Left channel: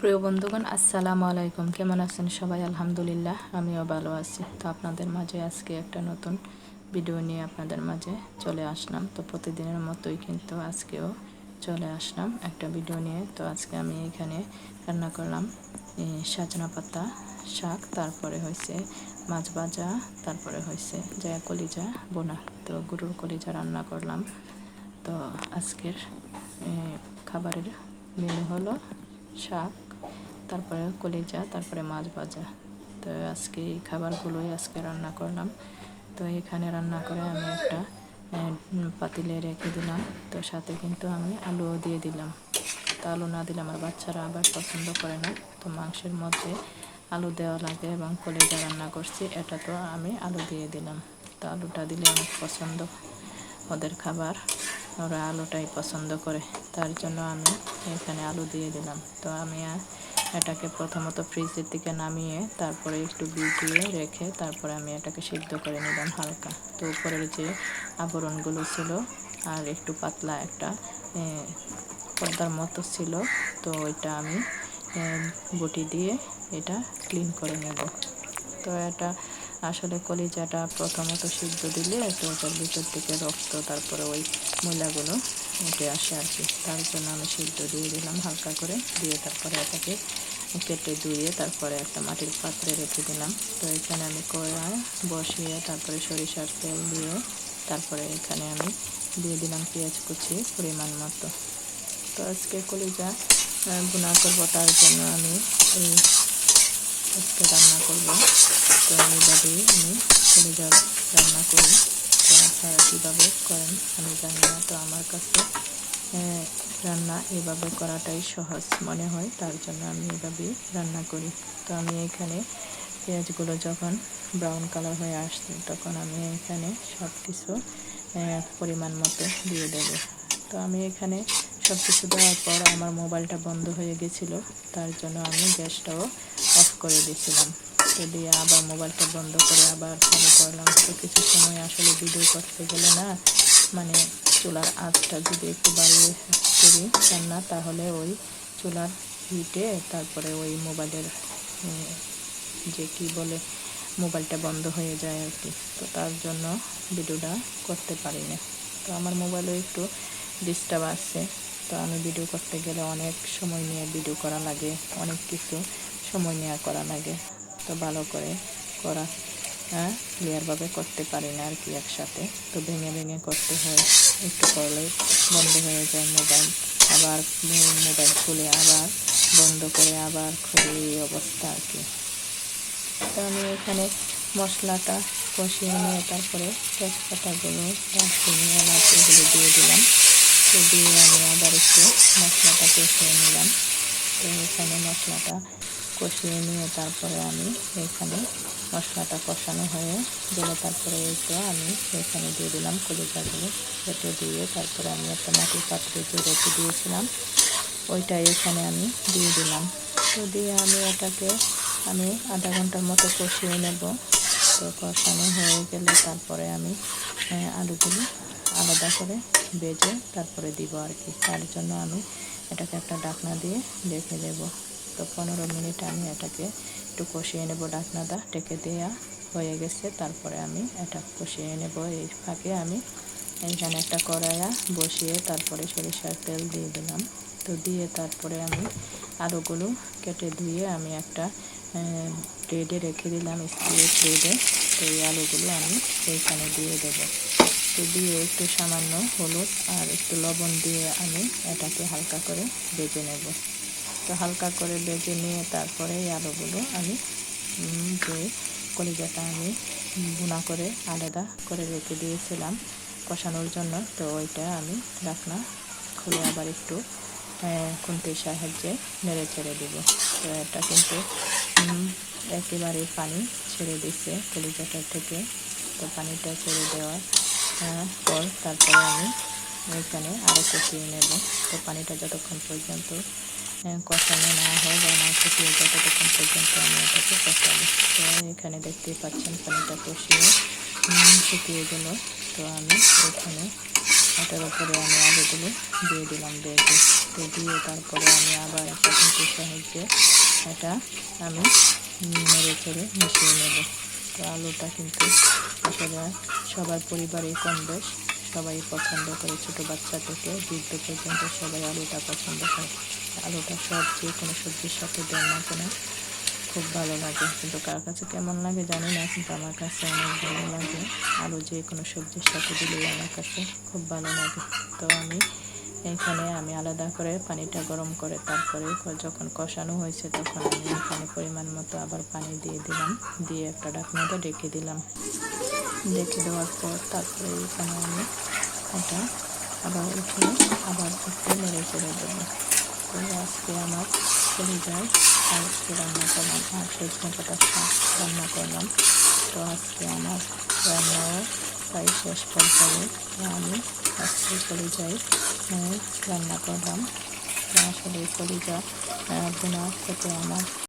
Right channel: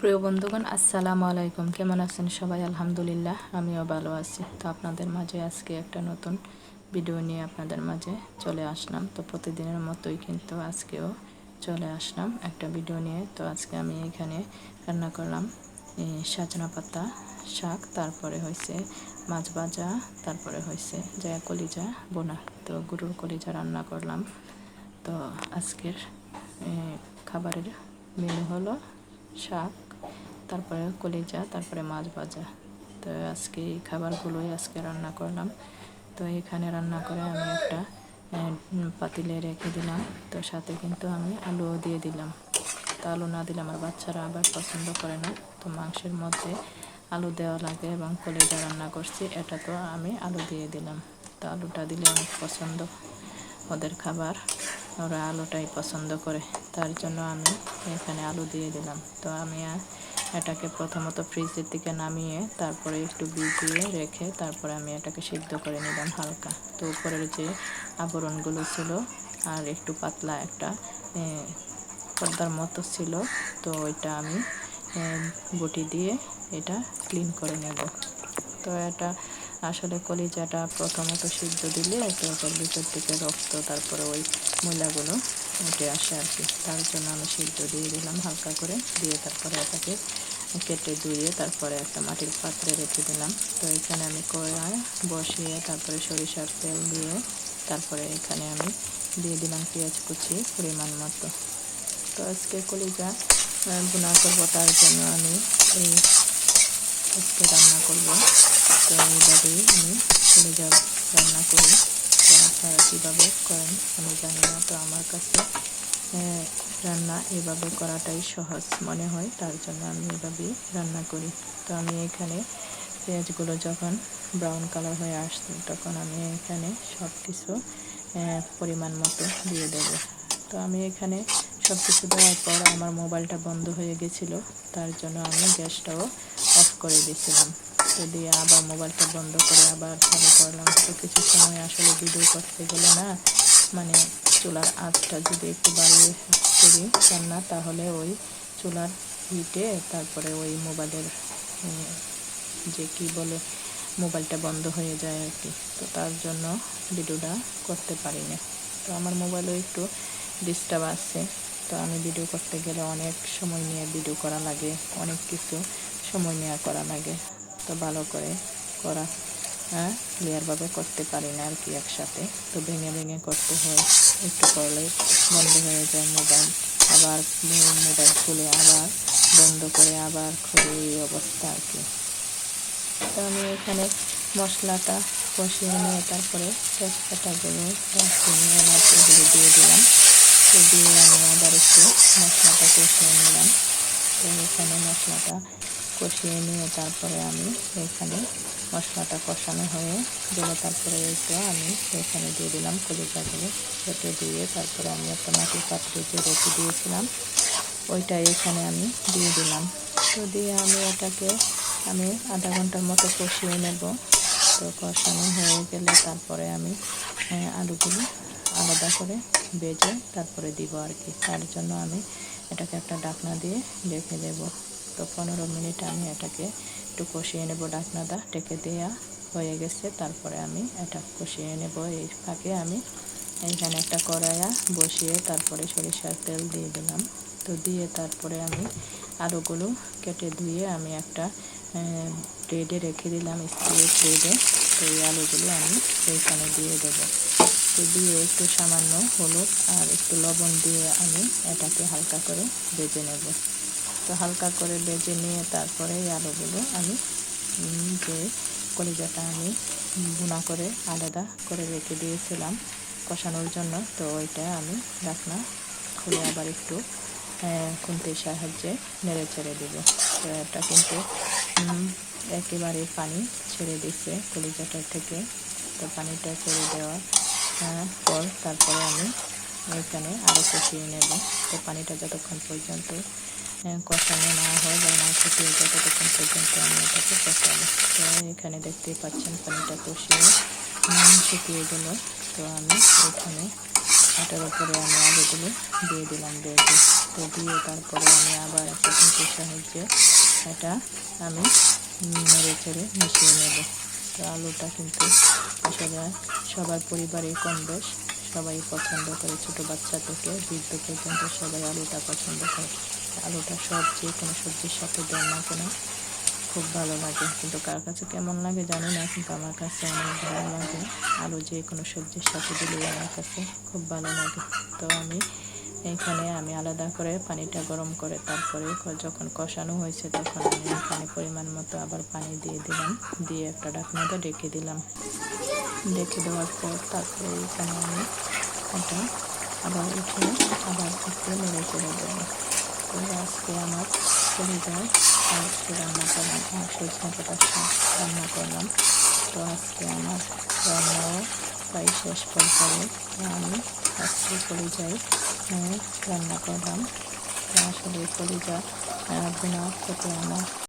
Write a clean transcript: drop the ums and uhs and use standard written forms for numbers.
প্রিয় বন্ধুগণ, আসসালামু আলাইকুম। কেমন আছেন সবাই? আলহামদুলিল্লাহ, আমিও ভালো আছি। তো আপনাদের মাঝে আজকে একটা নতুন ভিডিও নিয়ে আপনাদের মাঝে চলে আসলাম। তো প্রতিদিনের মতোই কিন্তু আজকেও চলে আসলাম একটা ভিডিও নিয়ে। তো আজকে আমি এখানে রান্না করলাম সজনা পাতা শাক, তারপরে হয়েছে মাছ ভাজা, তারপরে হয়েছে জয়া কলিজা বোনা। তো গরুর কলিজা রান্না করলাম। তো আজকের খাবারের মেনু হলো শাক, তারপরে কলিজা, তারপরে মাছ ভাজা। তো আজকে এই খাবারগুলোই আজকে রান্না করলাম। তো এখানে রান্না করে আমি একটা পাতিলে রেখে দিলাম। তো সাথে কিন্তু আমি আলুও দিয়ে দিলাম। তো আলু না দিলে আমার বাচ্চারা আবার পছন্দ করে না। তো মাংসের মধ্যে আলু দেওয়া লাগে এবং কলিজা রান্না করছি, এটা তো আমি আলু দিয়ে দিলাম। তো আলুটা দিলে অনেক পছন্দ ওদের খাবার, ওরা আলুটাই পছন্দ করে, তার জন্য আমি এখানে আলু দিয়ে দিলাম। তো আমি এটাকে প্রথমত ফ্রিজের থেকে নামিয়ে তারপরে একটু ভিজিয়ে রেখে তারপরে আমি এটাকে সিদ্ধ করে নিলাম হালকা। তো উপরের যে আবরণগুলো ছিল আর একটু পাতলা একটা পর্দার মতো ছিল, তো ওইটা আমি বটি দিয়ে এটা ক্লিন করে নেব। তো এটা আসলে কলিজাটা প্রথমত সিদ্ধ দিলে তো ওটার ভিতর থেকে রক্ত, তারপরে ওই ময়লাগুলো উঠে আসে আর কি। তার জন্য আমি সিদ্ধ দিয়ে দিলাম হালকা করে, দিয়ে তারপরে এটাকে কেটে ধুয়ে তারপরে একটা মাটির পাত্রে রেখে দিলাম। তো এখানে আমি কড়াই বসিয়ে তারপরে সরিষার তেল দিয়ে তারপরে এখানে আমি দিয়ে দিলাম পেঁয়াজ কুচি পরিমাণ মতো। তো আজকে কলিজা ভুনা করবো, তার জন্য আমি এই আজকে রান্না করব। তো এইভাবেই আমি কলিজা রান্না করি। তো আপনারা কীভাবে করেন আমি জানি না। তো আমার কাছে রান্না এভাবে করাটাই সহজ মনে হয়, তার জন্য আমি এভাবেই রান্না করি। তো আমি এখানে পেঁয়াজগুলো যখন ব্রাউন কালার হয়ে আসছে তখন আমি এখানে সব কিছু পরিমাণ মতো দিয়ে দেব। তো আমি এখানে সব কিছু দেওয়ার পর আমার মোবাইলটা বন্ধ হয়ে গেছিলো, তার জন্য আমি গ্যাসটাও অফ করে দিয়েছিলাম। তো দিয়ে আবার মোবাইলটা বন্ধ করে আবার চালু করলাম। তো কিছু সময় আসলে ভিডিও করতে গেলে না, মানে চুলার আঁচটা যদি একটু বাড়িয়ে করি রান্না, তাহলে ওই চুলার হিটে তারপরে ওই মোবাইলের যে কি বলে মোবাইলটা বন্ধ হয়ে যায় আর কি। তো তার জন্য ভিডিওটা করতে পারি না। তো আমার মোবাইলও একটু ডিস্টার্ব আসছে। তো আমি ভিডিও করতে গেলে অনেক সময় নিয়ে ভিডিও করা লাগে, অনেক কিছু সময় নেওয়া করা লাগে। তো ভালো করে করা ক্লিয়ারভাবে করতে পারি না আর কি একসাথে। তো ভেঙে ভেঙে করতে হয়, একটু করলে বন্ধ হয়ে যায় মোবাইল, আবার মোবাইল খুলে আবার বন্ধ করে আবার খুলে, এই অবস্থা আর কি। তো আমি এখানে মশলাটা কষিয়ে নিয়ে তারপরে তেজপাতাগুলো, দারচিনি, এলাচ এগুলো দিয়ে দিলাম। তো দিয়ে আমি আবার একটু মশলাটা কষিয়ে নিলাম। তো এখানে মশলাটা কষিয়ে নিয়ে তারপরে আমি এখানে মশলাটা কষানো হয়ে গেলে তারপরে একটু আমি এখানে দিয়ে দিলাম কলিজাগুলো কেটে দিয়ে, তারপরে আমি একটা মাটির পাত্রে যে রেখে দিয়েছিলাম ওইটাই এখানে আমি দিয়ে দিলাম। তো দিয়ে আমি এটাকে আধা ঘন্টার মতো কষিয়ে নেব। তো কষানো হয়ে গেলে তারপরে আমি আলুগুলো আলাদা করে ভেজে তারপরে দিব আর কি। তার জন্য আমি এটাকে একটা ঢাকনা দিয়ে ঢেকে দেব। তো 15 মিনিট আমি এটাকে একটু কষিয়ে নেব, ঢাকনাটা ঢেকে দেওয়া হয়ে গেছে। তারপরে আমি এটা কষিয়ে নেব। এই ফাঁকে আমি এখানে একটা কড়াইয়া বসিয়ে তারপরে সরিষার তেল দিয়ে দিলাম। তো দিয়ে তারপরে আমি আলুগুলো কেটে ধুয়ে আমি একটা ট্রেডে রেখে দিলাম, স্টিলের ট্রেডে। তো এই আলুগুলো আমি এইখানে দিয়ে দেবো। তো দিয়ে একটু সামান্য হলুদ আর একটু লবণ দিয়ে আমি এটাকে হালকা করে ভেজে নেব। তো হালকা করে ভেজে নিয়ে তারপরে এই আলুগুলো আমি যে কলিজাটা আমি ভুনা করে আলাদা করে রেখে দিয়েছিলাম কষানোর জন্য, তো ওইটা আমি ঢাকনা খুলে আবার একটু খুন্তির সাহায্যে নেড়ে ছেড়ে দেব। তো এটা কিন্তু একেবারে পানি ছেড়ে দিচ্ছে কলিজাটার থেকে। তো পানিটা ছেড়ে দেওয়ার পর তারপরে আমি এখানে আরও কষিয়ে নেব। তো পানিটা যতক্ষণ পর্যন্ত কষানো না হয় বা না শুকিয়ে যায় ততক্ষণ পর্যন্ত আমি এটাকে কষাবো। তো এখানে দেখতেই পাচ্ছেন পানিটা কষিয়ে শুকিয়ে গেল। তো আমি এখানে এটার উপরে আমি আলুগুলো দিয়ে দিলাম ভেজে। তো দিয়ে তারপরে আমি আবার একটা খুন্তির সাহায্যে এটা আমি নেড়ে চেড়ে মিশিয়ে নেব। তো আলুটা কিন্তু আসলে সবার পরিবারেই কম বেশ সবাই পছন্দ করে, ছোটো বাচ্চা থেকে বৃদ্ধ পর্যন্ত সবাই আলুটা পছন্দ করে। আলুটা যে কোনো সবজির সাথে দেন না কেন খুব ভালো লাগে, কিন্তু কার কাছে কেমন লাগে জানি না, কিন্তু আমার কাছে অনেক ভালো লাগে। আলু যে কোনো সবজির সাথে দিলেই আমার কাছে খুব ভালো লাগে। তো এখানে আমি আলাদা করে পানিটা গরম করে তারপরে যখন কষানো হয়েছে তখন আমি এখানে পরিমাণ মতো আবার পানি দিয়ে দিলাম, দিয়ে একটা ঢাকনাতে ডেকে দিলাম। ডেকে দেওয়ার পর তারপরে এখানে আমি এটা আবার উঠিয়ে আবার একটু নেড়ে চেড়ে দেবো। তো আজকে আমার কলিজায় আজকে রান্না করলাম আর সজনে পাতার শাক রান্না করলাম। তো আজকে আমার রান্নাও প্রায় শেষ পর্যায়ে। তো আমি আজকে কলিজায় রান্না করলাম। তো আসলে কলিজা ভুনা খেতে আমার